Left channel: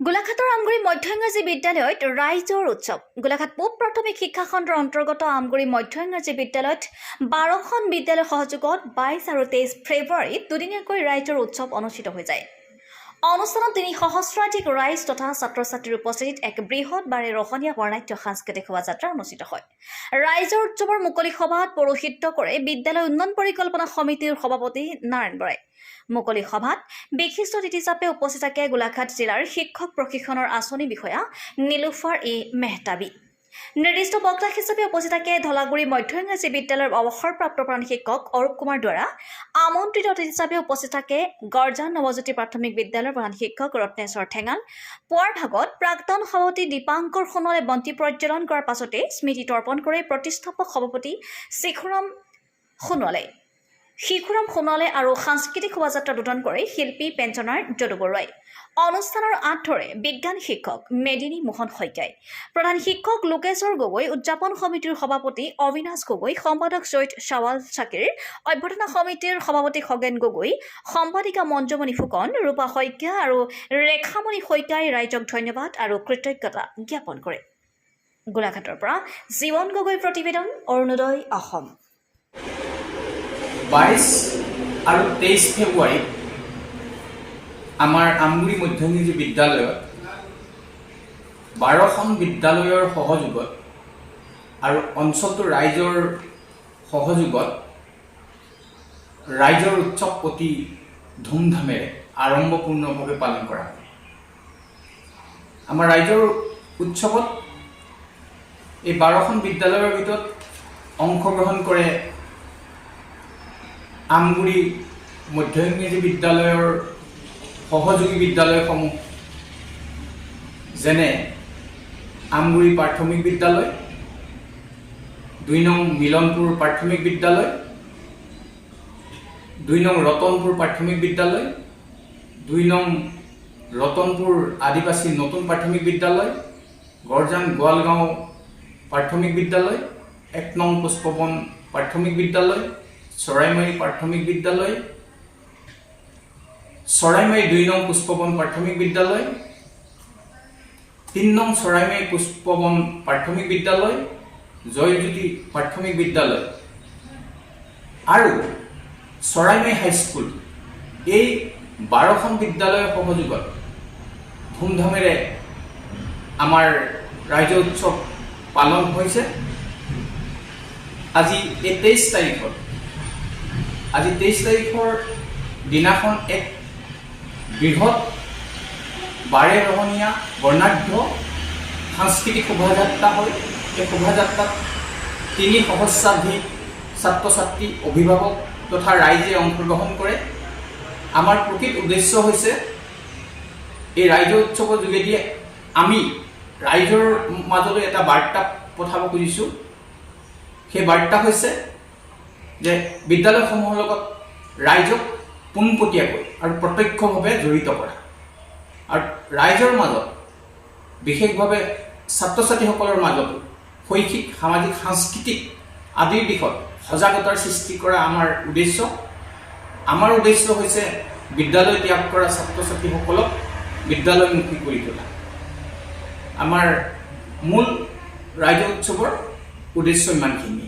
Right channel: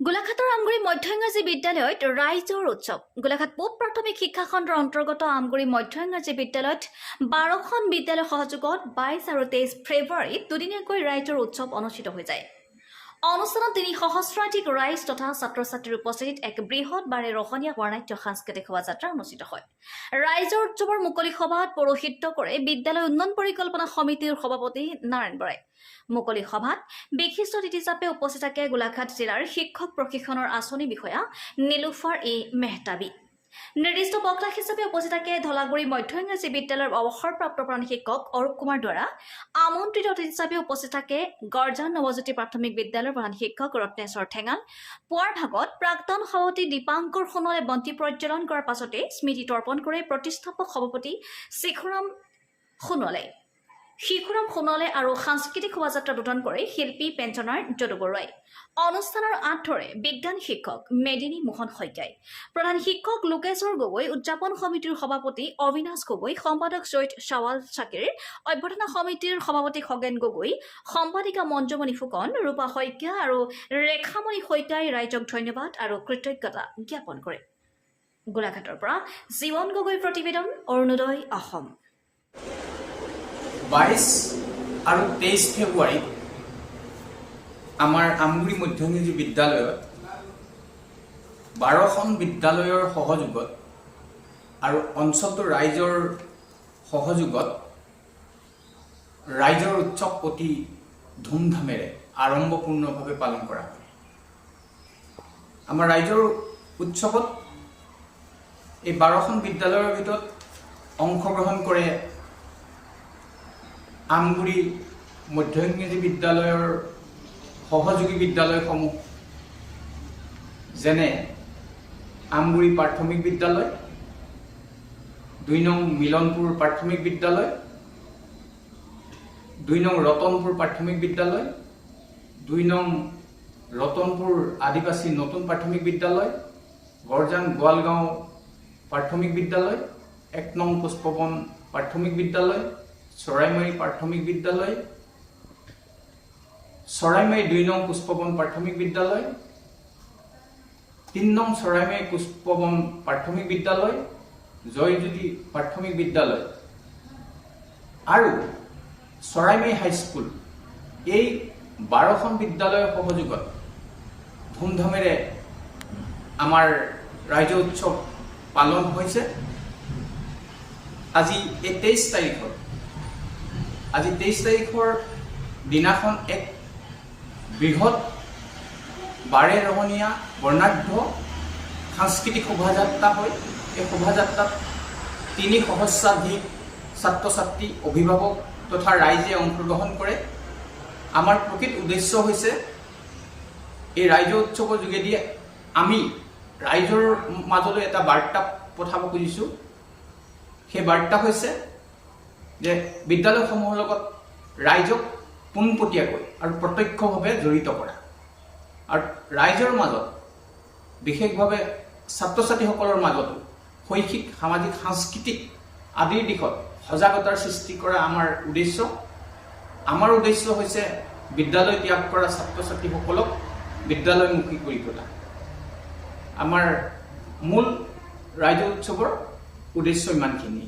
গোলাঘাটৰ আমগুৰি মধ্য ইংৰাজী বিদ্যালয়ত ৰাইজৰ উৎসৱ। গোলাঘাট পূব প্ৰাথমিক শিক্ষা খণ্ডৰ অন্তৰ্গত আমগুৰি মধ্য ইংৰাজী বিদ্যালয়ত 12খন বিদ্যালয়ৰ সহযোগত 22 আৰু 23 ফেব্ৰুৱাৰীত দুদিনীয়াকৈ ৰাইজৰ উৎসৱ অনুষ্ঠিত হৈ যায়। অনুষ্ঠানত 3 সহস্ৰাধিক ৰাইজ তথা ছাত্ৰ-ছাত্ৰীৰ উপস্থিতিত এক বৃহৎ বাৰে ৰহণীয়া বৰ্ণাঢ্য সাংস্কৃতিক শোভাযাত্ৰা অনুষ্ঠিত হয়। ৰাইজৰ উৎসৱৰ মুকলি সভাত পৌৰোহিত্য কৰে বিদ্যালয় উন্নয়ন পৰিকল্পনা সমিতিৰ সভাপতি নাৰায়ণ বৰাই। মুকলি সভাত বিশিষ্ট অতিথি হিচাপে উপস্থিত থাকে গোলাঘাট জিলাৰ শিক্ষক প্ৰশিক্ষণৰ আঁচনি বিষয়া নীলুফাৰ মেহতাবী। নিৰ্দিষ্ট বক্তা হিচাপে উপস্থিত থাকে ধলাগুৰি মধ্য ইংৰাজী বিদ্যালয়ৰ অৱসৰপ্ৰাপ্ত প্ৰধান শিক্ষক অৰূপ কুমাৰ দুৱাৰা। আমন্ত্ৰিত অতিথি হিচাপে উপস্থিত থাকে গৰ্জান নৱজ্যোতি প্ৰাথমিক বিদ্যালয়ৰ প্ৰধান শিক্ষক ৰত্নেশ্বৰ ঠেঙাল। পুৱাৰ ভাগত প্ৰাক্তন সভাপতি দীপাংকৰ সোণোৱালে বন্তি প্ৰজ্বলন কৰাৰ পাছতে স্মৃতি তৰ্পণ কৰে প্ৰতিষ্ঠাপক সভাপতি শিশুৰাম সোণোৱালে আৰু সাংস্কৃতিক শোভাযাত্ৰা উদ্বোধন কৰে শিল্পী পেঞ্চনাৰ যদু বৰুৱাই। অনুষ্ঠানৰ আঁত ধৰে বিজ্ঞান শিক্ষক মেদিনী মোহন শইকীয়াই। প্ৰধান শিক্ষক লোকেশ্বৰ গগৈ, উদযাপন সমিতিৰ সভাপতি অবিনাশ গগৈ, সম্পাদক চৈয়দ শ্বাৱাল চাকিৰ, অভ্যৰ্থনা সমিতিৰ সভাপতি খগেন গগৈ, সম্পাদিকা মঞ্জুমণি ফুকন, ৰূপা শইকীয়া আৰু ৰেখামণি শইকীয়াই ৰাইজক ধন্যবাদ আৰু কৃতজ্ঞতা জ্ঞাপন কৰে। গোলাঘাটৰ পৰা জীৱন গগৈ প্ৰতিবেদন, অৰুণোদয় অসম। 22 আৰু 23 ফেব্ৰুৱাৰীত আমাৰ আমগুৰি মধ্য ইংৰাজী বিদ্যালয়ত 12খন বিদ্যালয়ৰ সহযোগত আৰু অঞ্চলটোৰ ৰাইজৰ সহযোগত ৰাইজৰ উৎসৱ অতি ধুমধামেৰে আড়ম্বৰপূৰ্ণভাৱে পালন কৰা হয়। আমাৰ ৰাইজৰ উৎসৱত এই 12খন বিদ্যালয়ৰ ভিতৰত অংশগ্ৰহণ কৰে আমগুৰি মধ্য ইংৰাজী বিদ্যালয়ৰ সহযোগী বিদ্যালয়সমূহ, যেনে আমগুৰি প্ৰাথমিক বিদ্যালয়, 2 নং মিলনপুৰ প্ৰাথমিক বিদ্যালয়, 2 নং ৰতনপুৰ প্ৰাথমিক বিদ্যালয়, 2 নং ৰতনপুৰ আদিবাসী নতুন প্ৰাথমিক বিদ্যালয়, গৰ্জান গোৱালগাঁও প্ৰাথমিক বিদ্যালয়, 1 নং পুষ্পবন প্ৰাথমিক বিদ্যালয়, চৰাইমাৰী প্ৰাথমিক বিদ্যালয়, চৰাইমাৰী 2 নং পুষ্পবন প্ৰাথমিক বিদ্যালয়, 3 নং চৰাইমাৰী পুষ্পবন প্ৰাথমিক বিদ্যালয়, জয়জ্যোতি প্ৰাথমিক বিদ্যালয় আৰু চৰাইমাৰী হাইস্কুল, এই 12খন বিদ্যালয়ৰ সহযোগত ধুমধামেৰে আমাৰ ৰাইজৰ উৎসৱ পালন হৈছে। আজি 23 তাৰিখৰ দিনাখন এক বৃহৎ বাৰে ৰহণীয়া বৰ্ণাঢ্য সাংস্কৃতিক শোভাযাত্ৰা হয়। এই শোভাযাত্ৰাত 3 সহস্ৰাধিক ছাত্ৰ ছাত্ৰী, অভিভাৱক তথা ৰাইজে অংশগ্ৰহণ কৰে। আমাৰ প্ৰকৃত উদ্দেশ্য হৈছে এই ৰাইজৰ উৎসৱৰ যোগেদি আমি ৰাইজৰ মাজলৈ এটা বাৰ্তা পঠাব খুজিছোঁ। সেই বাৰ্তা হৈছে যে বিদ্যালয়সমূহৰ লগত ৰাইজক পোনপটীয়াকৈ আৰু প্ৰত্যক্ষভাৱে জড়িত কৰা, আৰু ৰাইজৰ মাজত বিশেষভাৱে ছাত্ৰ ছাত্ৰীসকলৰ মাজতো শৈক্ষিক, সামাজিক, সাংস্কৃতিক আদিৰ দিশত সজাগতাৰ সৃষ্টি কৰা আমাৰ উদ্দেশ্য। আমাৰ উদ্দেশ্য হৈছে বিদ্যালয় ত্যাগ কৰা ছাত্ৰ ছাত্ৰীসকলক বিদ্যালয়মুখী কৰি তোলা। আমাৰ মূল ৰাইজৰ উৎসৱৰ উদ্দেশ্য ইমানখিনি।